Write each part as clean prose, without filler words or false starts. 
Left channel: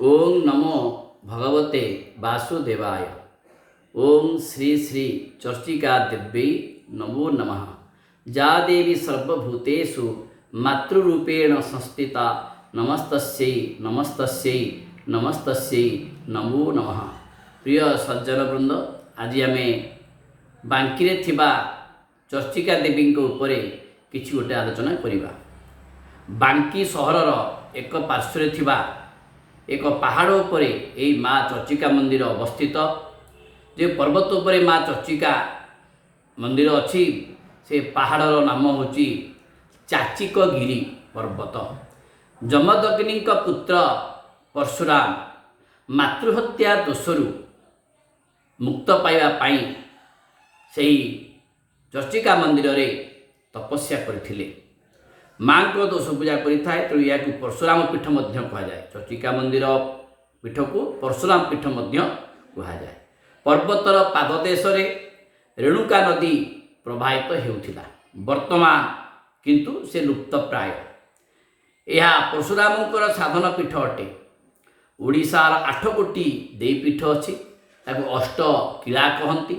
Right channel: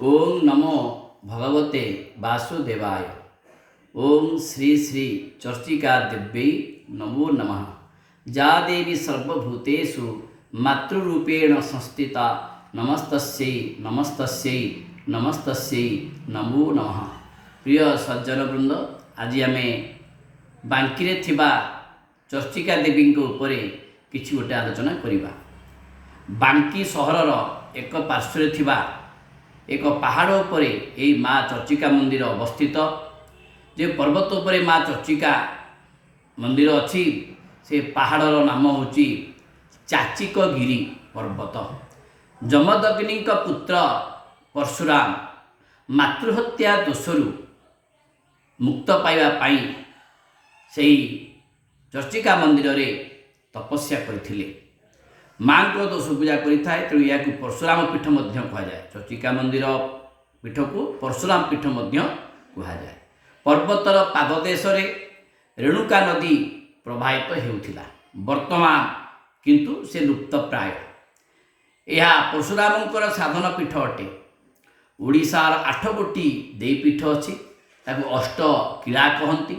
ओम नमो भगवते वासुदेवाय। ओम श्री श्री चर्चिका देव्यै नमो नमः। जा देवी सर्वभूतेषु मातृरूपेण संस्थिता नमस्तस्यै नमस्तस्यै नमस्तस्यै नमो नमः। प्रिय सज्जन वृंद, आज आम बांकी थिबा चर्चिका देवी उपरे किछि गोटे आलोचना करिबा। बांकी सहरर एक पार्श्व थिबा एक पहाड़ उपरे यही माँ चर्चिका मंदिर अवस्थित। जो पर्वत उपरे माँ चर्चिका मंदिर अच्छी से पहाड़र नाम हूँ चाचिकगिरी पर्वत। जमदग्नि पुत्र परशुराम मातृहत्या दोषरु मुक्त पाइबा से चर्चिका मंदिर रे तपस्या करथिले। माँ को दोष पूजा करें तेणु या परशुराम पीठ कहुए। चर्चिका मंदिर पीठ को परशुराम पीठ कहुए। पर्वतर पाददेश रेणुका नदी प्रवाहित होउथिला। वर्तमान किंतु से लुप्त प्राय। यह परशुरामंकर साधन पीठ अटे। ओडिशार 8 गोटी देवीपीठ अच्छी ताको अष्ट किला कहती।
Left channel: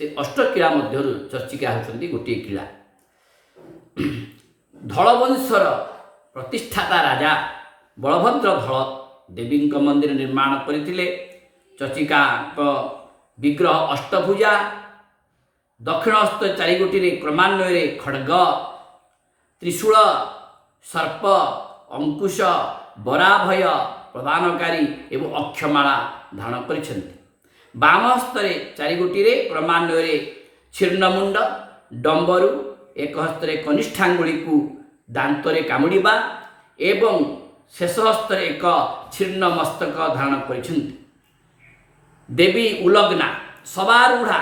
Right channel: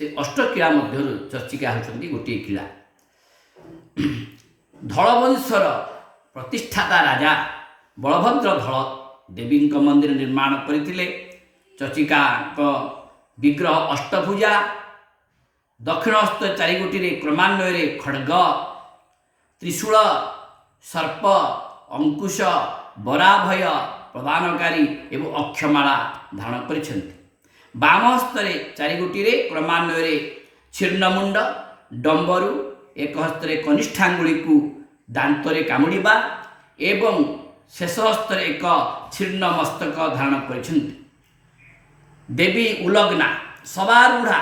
से अष्ट किला मध्य चर्चिका होती गोटे किला। धलवंशर प्रतिष्ठाता राजा बलभद्र धल देवी मंदिर निर्माण करथिले। चर्चिका विग्रह अष्टभुजा। दक्षिणहस्त चारिगोटी क्रमान्वय खड्ग त्रिशूल सर्प अंकुश बराभय प्रदानकारी एवं अक्षमाला धारण करिसेंति। बाम हस्तरे चारिगोटी क्रमान्वय छिन्नमुंड डंबरू एक हस्तरे कनिष्ठांगुली को दांतरे कामुड़िबा एवं शेष हस्तरे एक छिन्न मस्तक धारण करिसेंति। देवी उलग्ना सवारूढ़ा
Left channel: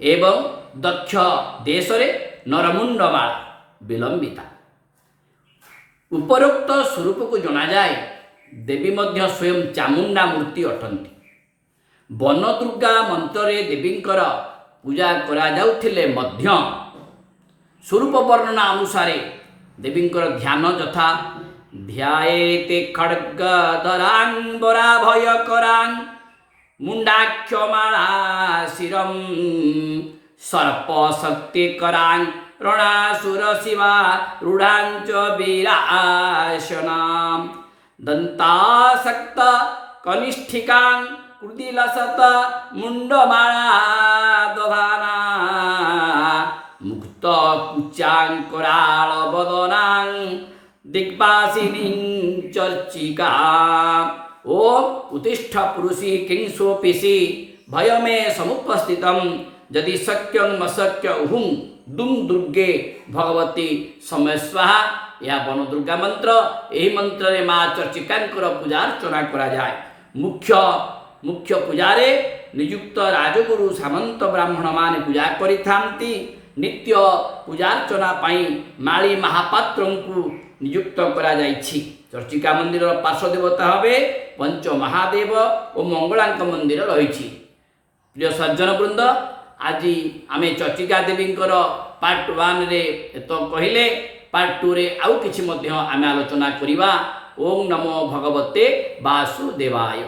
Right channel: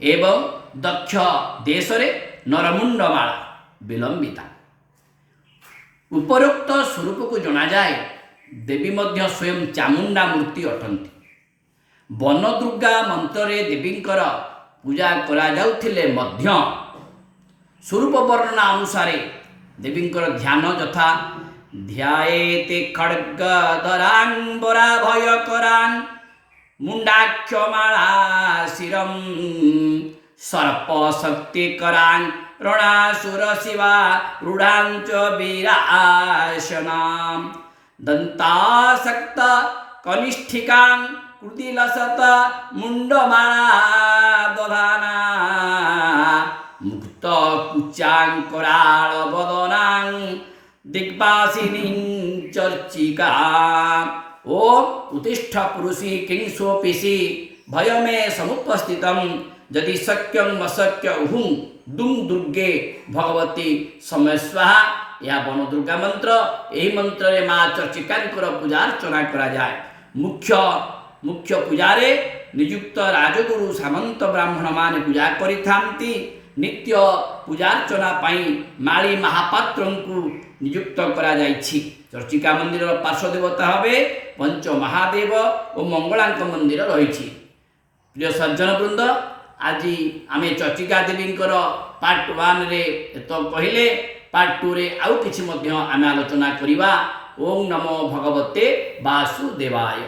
एवं दक्ष देशरे नरमुंडमाला विलंबिता। उपरोक्त स्वरूप को जना जाए देवी मध्य स्वयं चामुंडा मूर्ति अटंती। वन दुर्गा मंत्र देवींकर पूजा करा जाउथिले मध्य स्वरूप वर्णना अनुसारे देवींकर ध्यान यथा ध्यायेते खड्गधरां वराभय करां मुंडाक्षमाला शिरं सर्प शक्ति करां रणासुर शिवा रूढ़ां च वीरासनां दंतासक्त कनिष्ठिकां कृतिलसत मुंडमाला दधाना मुक्त कुचांकराल बदनां दिग्वासिनी चर्चिका। ओम उत्तिष्ठ पुरुषी किं सोपिसी भय मे समुपस्थितं यदि शक्यं अशक्य उहुं दुं दुर्गे भगवती समय स्वाहा। यह वन दुर्गा मंत्र। यही मंत्र रे माँ चर्चिकांकर पूजा अर्चना करा जाए। मुख्य पूजारे नियुक्त राजगुरु सामंत ब्राह्मण माने पूजा करिथांती। नित्य पूजार्चना पाई माली महापात्र को नियुक्त करा जाइछि। चर्चिका मंदिर पार्श्व देवता हवे पंच महादेव और मंगलांक मंदिर रही। प्रिय सज्जन वृंद, आज आम चर्चिका देवी पार्ट 1 रे तो कहले। पार्ट 2 रे आउ किछि मध्य आम आलोचना करिबा। ओम नमो भगवते वासुदेवाय।